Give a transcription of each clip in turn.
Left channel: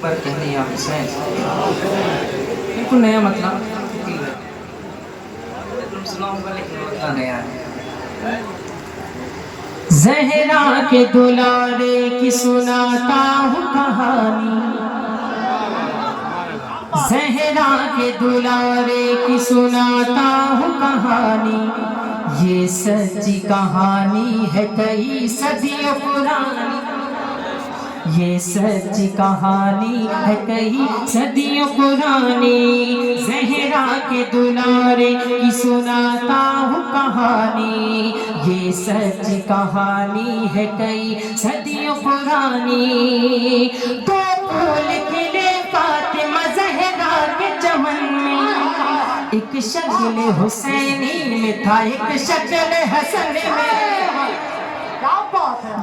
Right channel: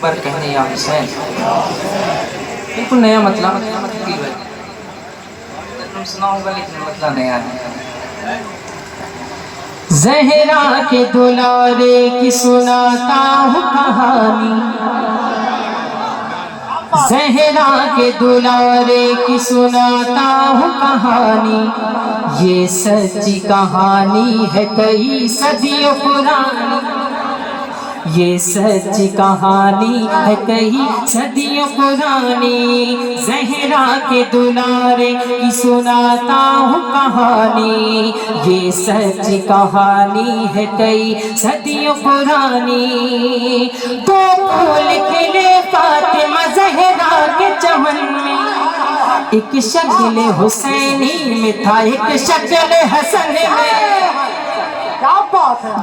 پر کہنے یا حسین بالکل نیا مطلب تم سنا ہوگا لیکن مطلب نیا ہے. زہرا کے دلارے کی سناتا ہوں کہانی، زہرا کے دلارے کی سناتا ہوں کہانی، یہ سچی کہانی ہے کئی صدیوں پرانی، یہ سچی کہانی ہے کئی صدیوں پرانی. زہرا کے دلارے کی سناتا ہوں کہانی، یہ سچی کہانی ہے کئی صدیوں پرانی. تو پھول کھلے فاطمہ زہرا کے چمن میں، ایک شکل حسینی میں تھا ایک شکل حسن میں.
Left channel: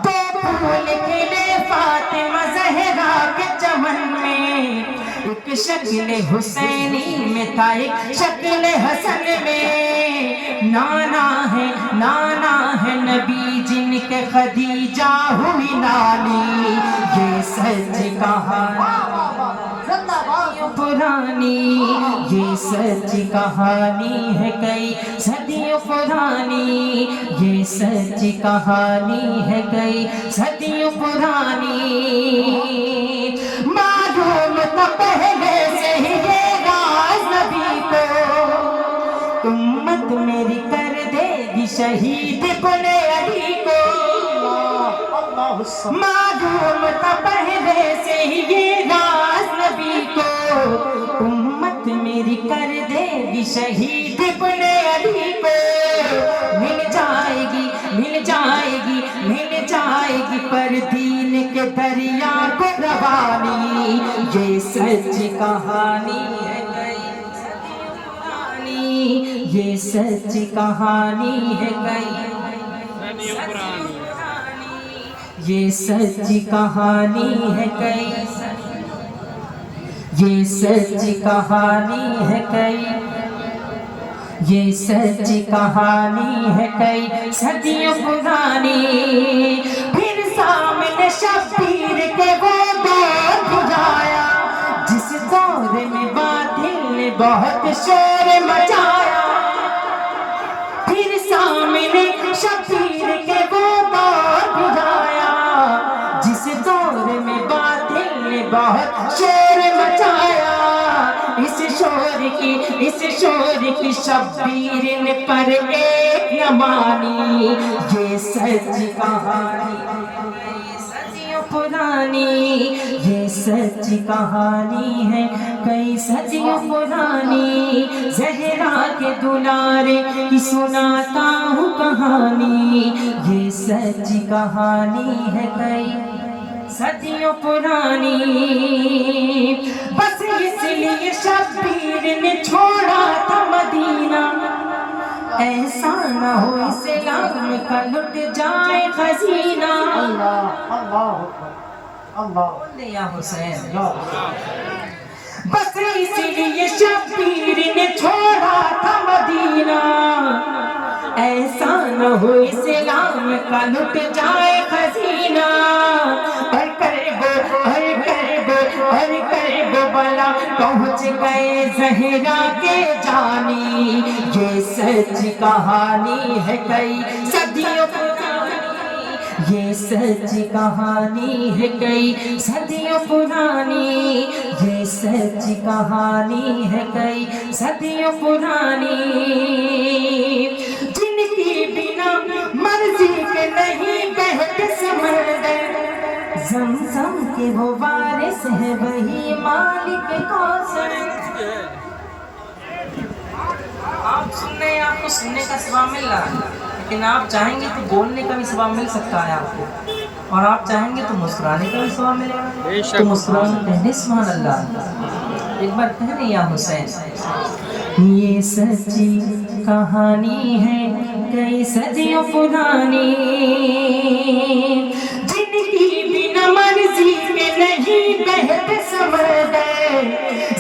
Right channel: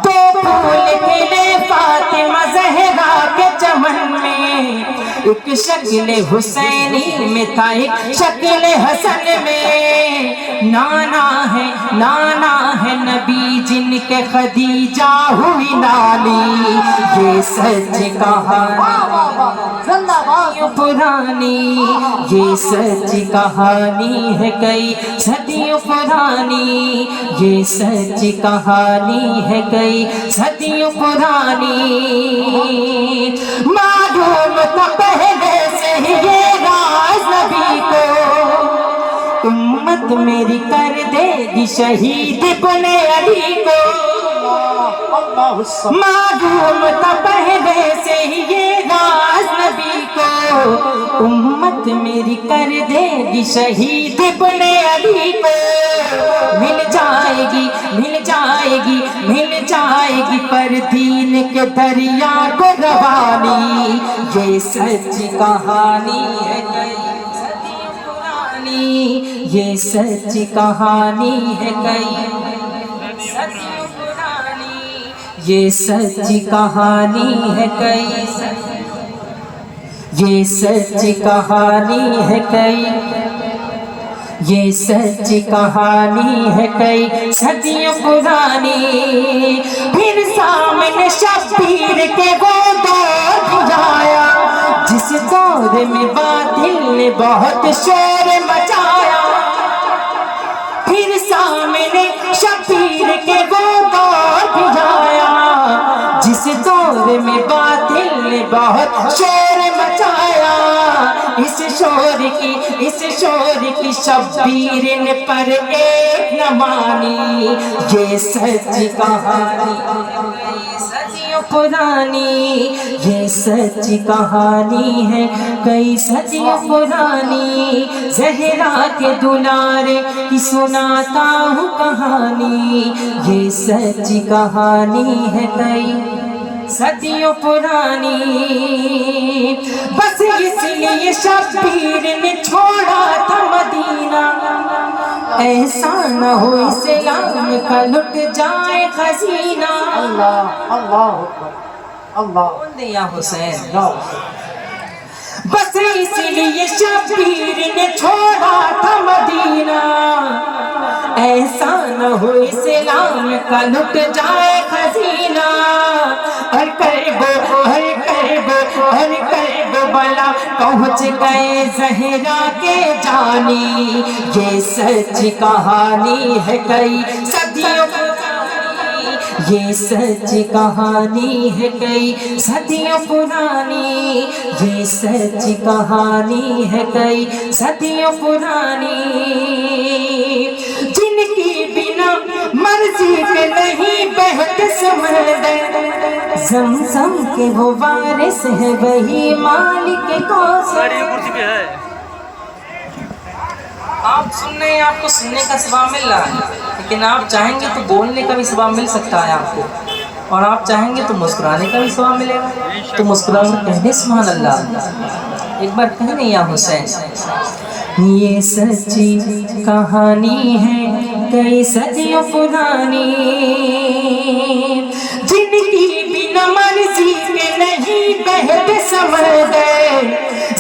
دو پھول کھلے فاطمہ زہرا کے چمن میں، ایک شکل حسینی میں تھا ایک شکل حسن میں. نانا ہے نبی جن کے خدیجہ ہوئی لالی، یہ سچ کہانی پرانی، یہ سچ کہانی ہے کئی صدیوں پرانی، یہ سچ کہانی ہے کئی صدیوں پرانی. معلوم تو پہلے سے ہی یہ راز نبی کو، امت میری کر دے گی شہید ابن علی کو. معلوم تو پہلے سے ہی یہ راز نبی کو، امت میری کر دے گی شہید ابن علی کو. مل جائے گی پر دین کے دریا کو روانی، یہ سچ کہانی ہے کئی صدیوں پرانی، یہ سچ کہانی ہے کئی صدیوں پرانی، یہ سچ کہانی ہے کئی، یہ سچ کہانی ہے کئی، یہ سچ کہانی ہے کئی صدیوں پرانی. پھر سامنے شبیر کے وہ دور بھی آیا، جس دور میں باطل نے بہت شور مچایا. پھر سامنے شبیر کے وہ دور بھی آیا، جس دور میں باطل نے بہت شور مچایا. اس شور کی شبیر نے پر ایک نہ مانی، یہ سچ کہانی صدیوں پرانی، یہ سچ کہانی ہے کئی صدیوں پرانی. زہرا کے دلارے کی سناتا ہوں کہانی، یہ سچ کہانی ہے کئی صدیوں پرانی. بس اس لیے شبیر نے چھوڑا تھا مدینہ، ایسا نہ ہو اسلام کا لٹ جائے خزینہ. اللہ یا حسین، بس اس لیے شبیر نے چھوڑا تھا مدینہ، ایسا نہ ہو اسلام کا لٹ جائے خزینہ. پہنچ گئے زہرا کے جانی، یہ سچ کہانی ہے کئی صدیوں پرانی، یہ سچ کہانی ہے کئی صدیوں پرانی، یہ سچ کہانی ہے کئی صدیوں پرانی. جن کی بنا مرضی کے نہیں بہتے سمندر، زمزم کے وہ وارث ہے وہی مالک کوثر. آپ کو سننے کا ثواب مل رہا ہے، لیکن آپ چاہیں گے تو بولنے کا بھی ثواب مل سکتا ہے آپ کو، اور آپ چاہیں گے تو مسکرانے کا بھی ثواب ملے گا. تو مسکرانا کہنے سبحان اللہ، ایک بار کہنے یا حسین. یہ سچی کہانی ہے کئی صدیوں پرانی، جن کی بنا مرضی کے نہیں بہتے سمندر،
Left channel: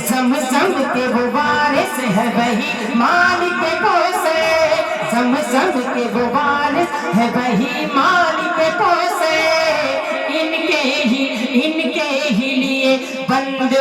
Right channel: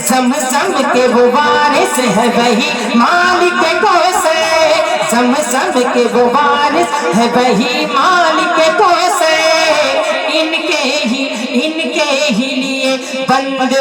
زمزم کے وہ وارث ہے وہی مالک کوثر، زمزم کے وہ وارث ہے وہی مالک کوثر. ان کے ہی لیے بن